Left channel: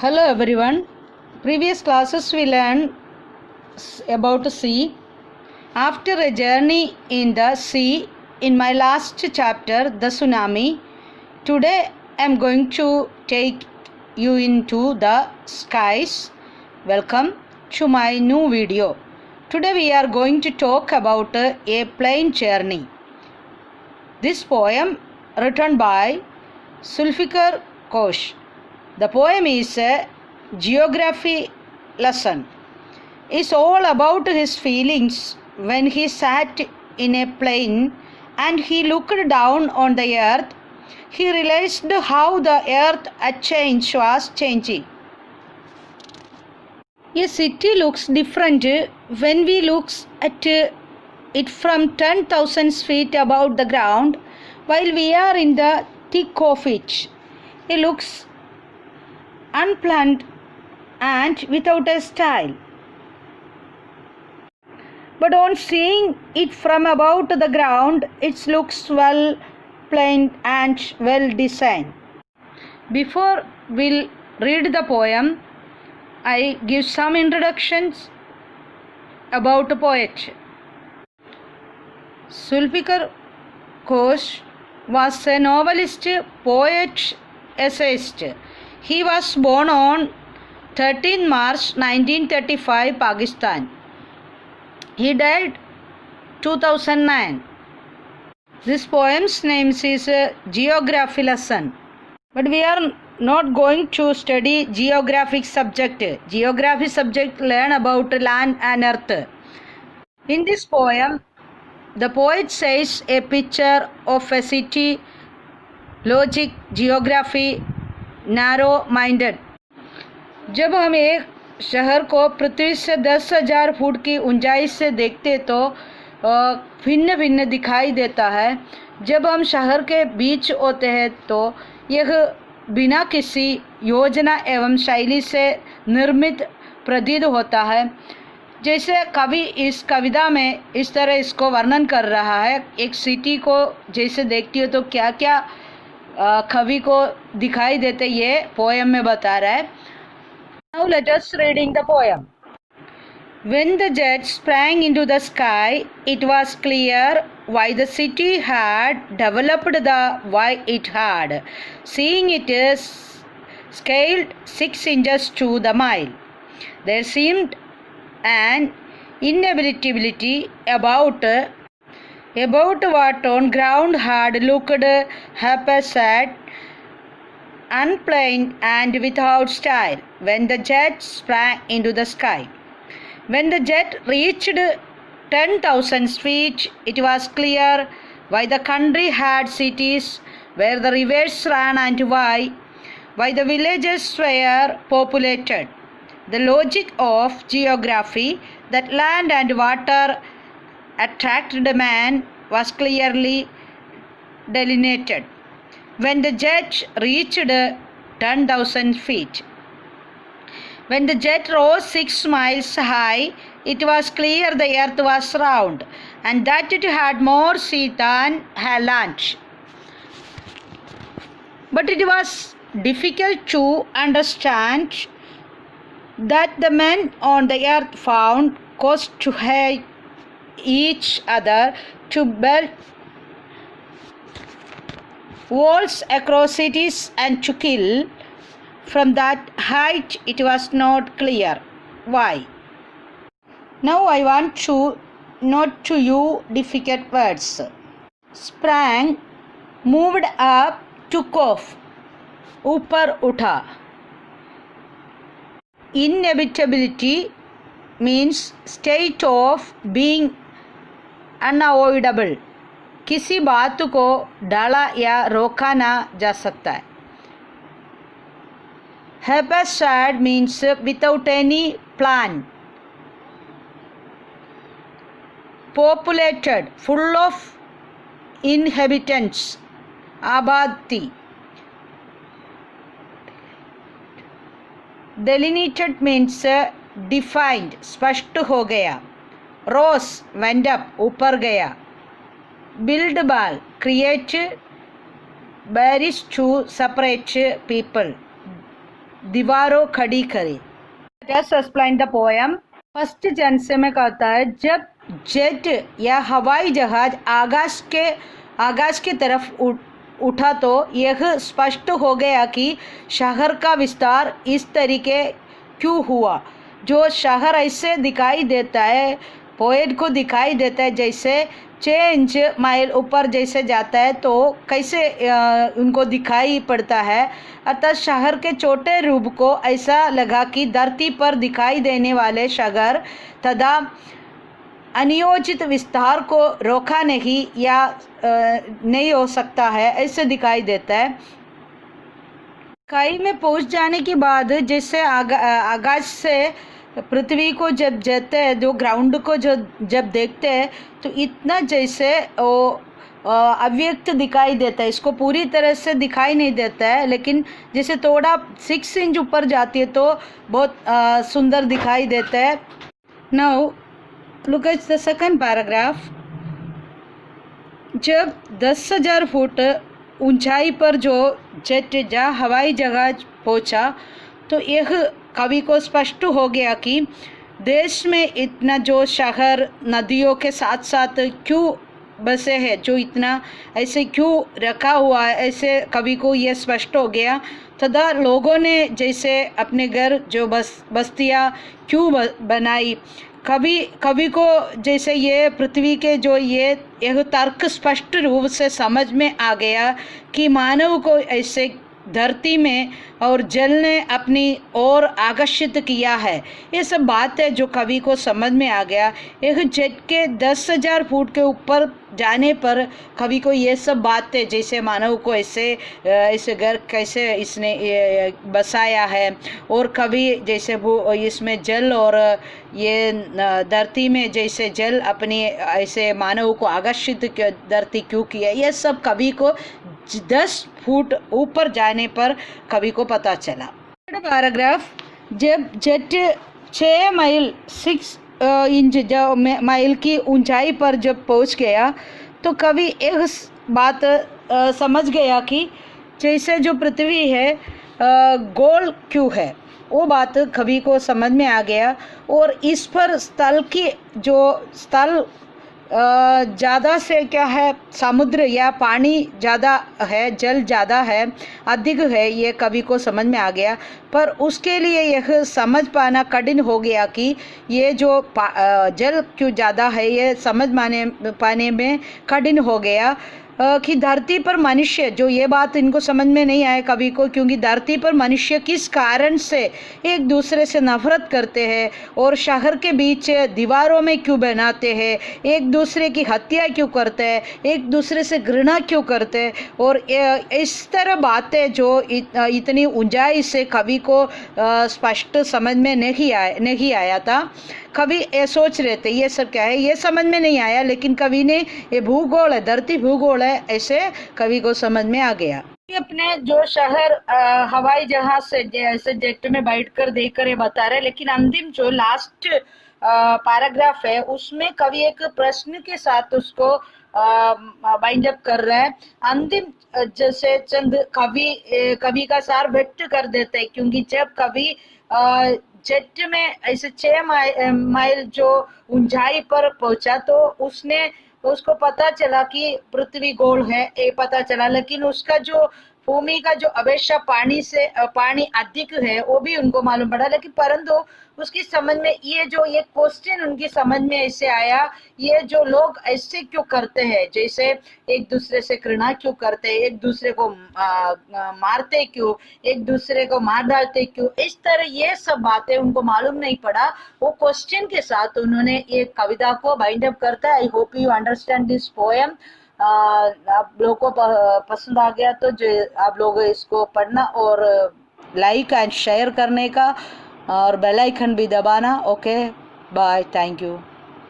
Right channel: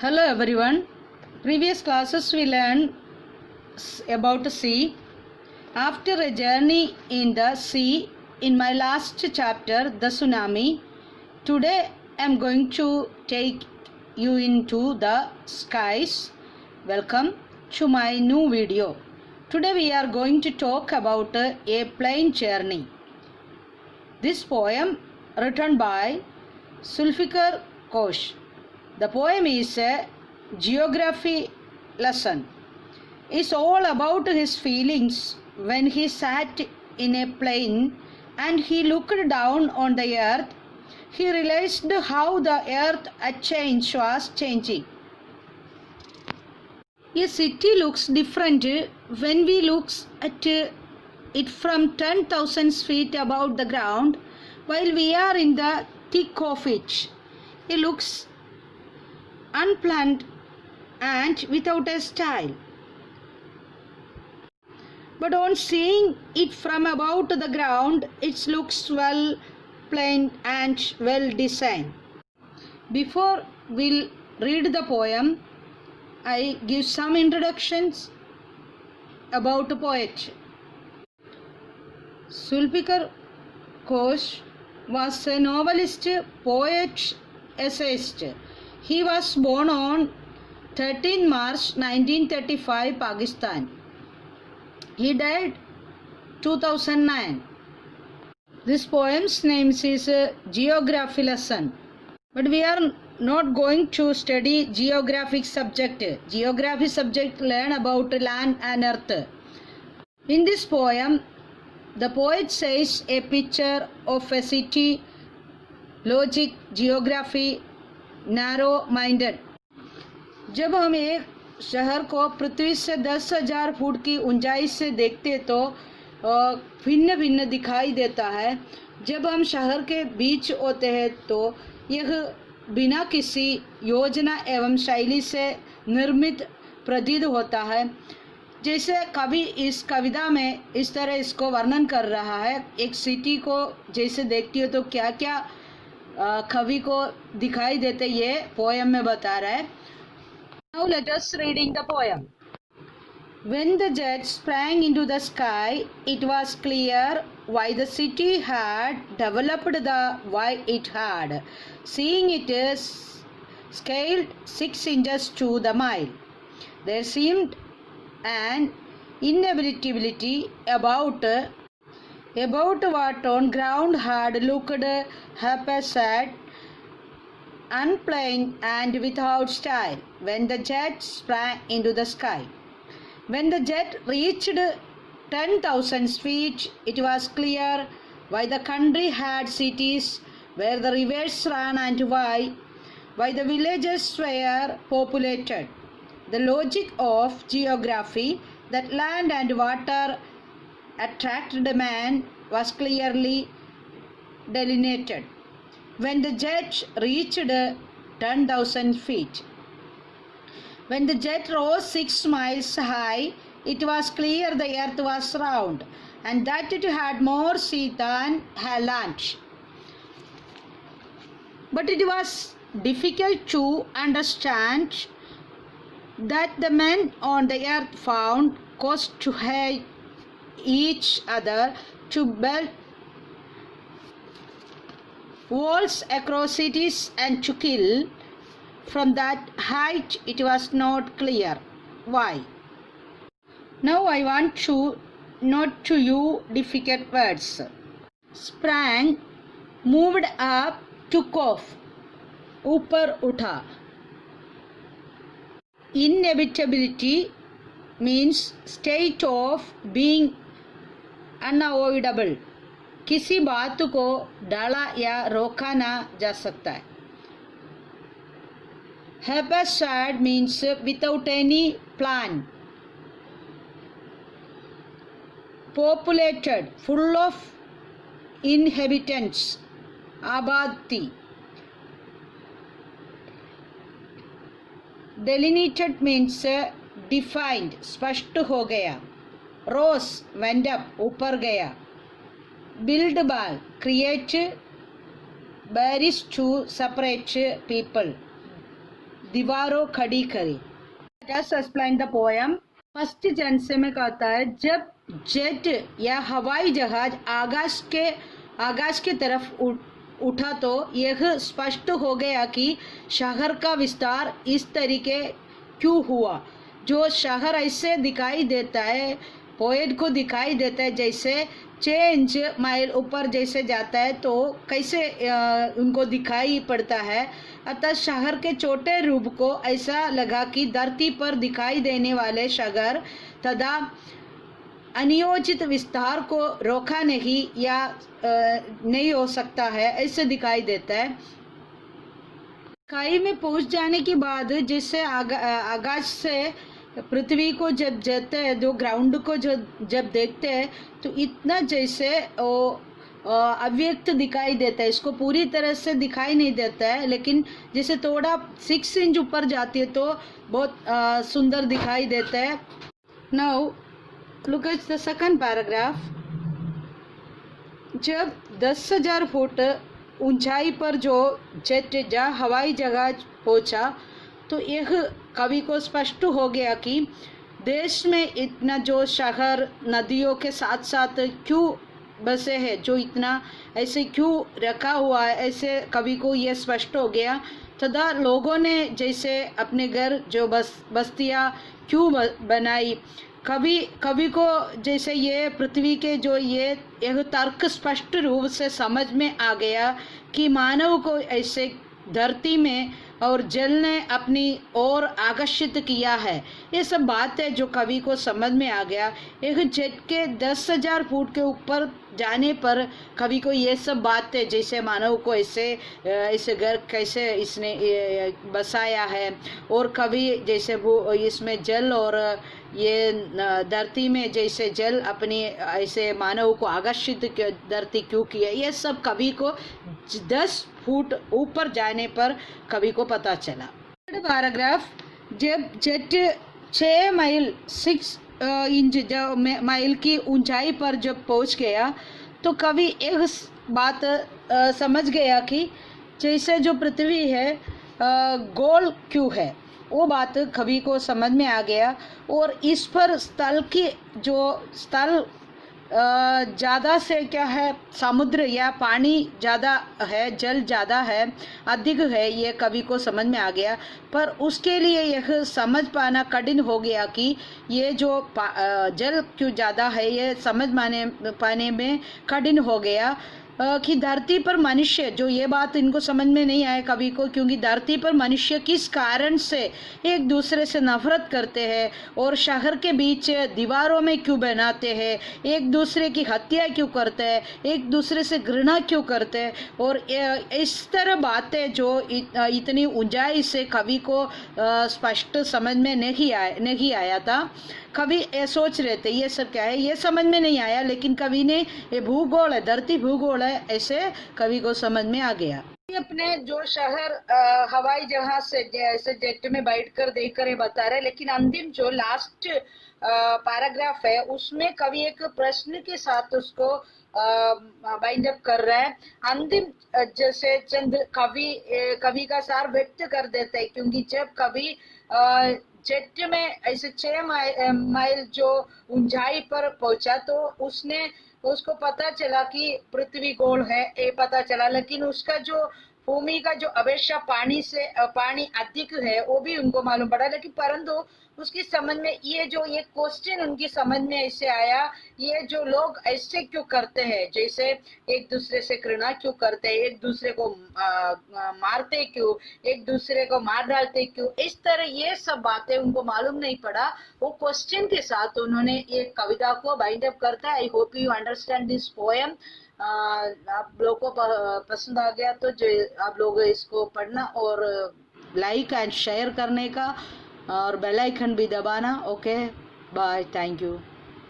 Hello everyone. Previous classes we learned about sea. After a journey in the sea, in my last chapter, the tsunami, today I am going to take you into the skies. Welcome to my new video. Today we are going to talk about a plane journey. This poem written by Zulfikar Ghosh. The poem is a geography lesson. It's all about his feelings when he sat in a plane and he looked down on the earth. He realized how the earth at change was changing. A city looks different when we look at it from 10,000 feet above the ground while we are in the thick of it. It looks unplanned and without a style. But on seeing it from above to the ground, it looks well planned and well designed. Before we'll read the poem, I give some introductions about the poet. Zulfikar Ghosh was a novelist, poet, essayist. He was born on 13 March 1935, Pakistan. He died 2009. This poem's name is a geography lesson. But we are not going to study geographic subject. Geography subject learn about land and earth. In this poem, the poet says a picture of a city, logic, geography, narrow minded. जब हम एक शहर को पृथ्वी से 10,000 foot की ऊंचाई से देखते तो भिन्न भिन्न दिखाई देता है. जब हम शहर के बीच होते हैं तो यह बिना किसी योजना एवं शैली से निर्मित प्रतीत होता है. जैसे कवि इस कविता में इस तरह इसको वर्णन कर रहा है. एक सिटी को जैसे देखती हो तो क्या क्या कवि को दिखाई देते ये पोएम में बता रहा है. Now let us reading the poem. When the jet sprang into the sky, it was clear why the city had developed the way it had. Seeing it is scaled 6 inches to the mile, there seemed an inevitability about what on ground had looked haphazard, unplanned and without style when the jet sprang into the sky. When the jet reached 10,000 feet, it was clear why the country had cities where the rivers ran and why the villages were populated. The logic of geography, that land and water attracted man, was clearly delineated when the jet reached 10,000 feet. When the jet rose 6 miles high, it was clear the earth was round and that it had more sea than land. But it was difficult to understand that the men on the earth found cause to hate each other, to build walls across cities and to kill. From that height it was not clear why. Now I want to note to you difficult words. Sprang, moved up, took off, ऊपर उठा. Inevitability means state of being unavoidable. किसी बात को डाला या रोका ना जा सकता है. Haphazard means without any plan. Populated, full of inhabitants. आबादी. Delineated means defined, स्पष्ट हो गया. Rose, went up, ऊपर गया. Build ball, create barriers to separate people. दीवारों खड़ी करी। Just explain the poem. First जन्से में कहता है, जब जेट या हवाई जहाज आकाश के तरफ उठा तो यह स्पष्ट हो गया कि शहर का विस्तार इस तरीके क्यों हुआ। जो शहर ऐसे दिखाई देता है, पोएट को दिखाई देता है जैसे 6 इंच माइल ऊपर जैसे जाता है तो कैसे उनको दिखाई पड़ता है। अतः शहर के छोटे रूप को ऐसा लगा कि धरती पर दिखाई देने वाले शहर तथा अनियोजित विस्तार को रोका नहीं या नहीं हो सकता है, ऐसे दिखाई देता है। खाई में पहुंच जाने के बाद जैसे आकाश से पृथ्वी को जब जाते हैं, जो ग्राउंड को जब देखते हैं तो इतना जैसे वो अव्यक्त दिखाई देता है। इसको पूरी तरह से दिखाई नहीं देता है, लेकिन जैसे थोड़ा 6 इंच ऊपर जाती है तो बहुत सुंदर दिखाई देता है। Now look at the second paragraph. जब 10,000 फुट ऊंचाई पर जो जेट या हवाई जहाज पहुंचा तो यह कवि को स्पष्ट हो गया कि देश में इतना जो शहर नदियों के साथ साथ क्यों बसे हैं, जो इतना ऐसे क्यों रखा हुआ है, ऐसे कवि को यह स्पष्ट हो गया। तथा लोगों ने जैसे अपने घर जो बस्तियाँ क्यों बनाई, कवि को जैसे ये पृथ्वी के जो यह तर्क स्पष्ट रूप से समझ में आ गया कि मानव को ऐसे धरती में और जल ने अपनी ओर आकर्षित किया है। ये सब बात है जो कवि को समझ में आ गया। एक जेट के 10,000 फुट के ऊपर जाने पर कवि को ये सब बातें जैसे मानव को ऐसे घर कैसे इसने बसाया है, और कवि जैसे वो इसमें जल और ये धरती में जैसे जल अपनी ऐसे मानव को आकर्षित धरती क्यों किया, ये सब कवि को 10 फुट ऊपर जाने पर कवि को पता चला। पैराग्राफ। जब जेट 6 माइल 6 इंच माइल की ऊंचाई पर जब पहुंच गया तो कवि एक बात समझ गया कि जैसे जो पृथ्वी है गोल क्यों है, वो बात कवि को समझ में आ गया। और इस पर स्थल ज़्यादा से क्या है, समुद्र या पानी ज़्यादा है, जल ज़्यादा है, अधिक है, ये कवि को समझ में आ गया। पर उसके लिए यह समझ पाना कठिन हो गया कि ये जो जल क्यों ज़्यादा है, ये समझ पाने में कठिन हो गया कि धरती पर मनुष्य, जो ये बात इनको समझ में नहीं आए कवि को, क्योंकि धरती पर मनुष्य किस कारण से एक दूसरे से नफरत करते हैं और शहर के बीच दीवारों में क्यों बनाते हैं, एक दूसरे की हत्या क्यों करते हैं, एक दूसरे से घृणा क्यों करते हैं, और इस तरह बातें जो इतनी ऊंचाई से कवि को स्पष्ट समझ में नहीं आया था। कवि ये सोच रहे थे ये सब क्या है, ये समझ में नहीं आया, लेकिन कवि ने ये भूगोल है, धरती भूगोल है, ऐसे कवि को समझ में आ गया। अपने जो शहर हवाई जहाज से ऐसे जेट में बैठकर देखकर ये बता रहे, लेकिन अंतिम जो लास्ट पैराग्राफ है उसमें कवि एक प्रश्न के साथ उसको बाइंड अप कर रहा है। अंतिम जैसे चंद कवि का सार व्यक्त कर देते हैं, क्योंकि जब कवि जेट में ऐसे 6 माइल जो ऊंचाई पर पहुंचा तो उसको पता चला कि पृथ्वी गोल है, ये पता चला, लेकिन उसका जो भूमि का जो अपेक्षा पानी अधिक है वो भी उनको मालूम पड़ा। लेकिन परंतु उसकी समझ में ये क्वेश्चन उनकी समझ में ऐसे आया, ये जो लोग ऐसे क्यों करते हैं, जैसे एक दूसरे से घृणा क्यों करते हैं, एक दूसरे को मारते क्यों, एक दूसरे को मार डालते क्यों, इस तरह ये सब बातें उनको मालूम नहीं पड़ा। वो क्वेश्चन के साथ उन्होंने ये कविता को बाइंड अप करता है। I hope you understand this poem. आप लोगों को पसंद आ गया तो जो आप लोग इसको पढ़ना और लाइक एंड शेयर करने का और बेल आइकन भी दबाना। Okay, bye, thank you.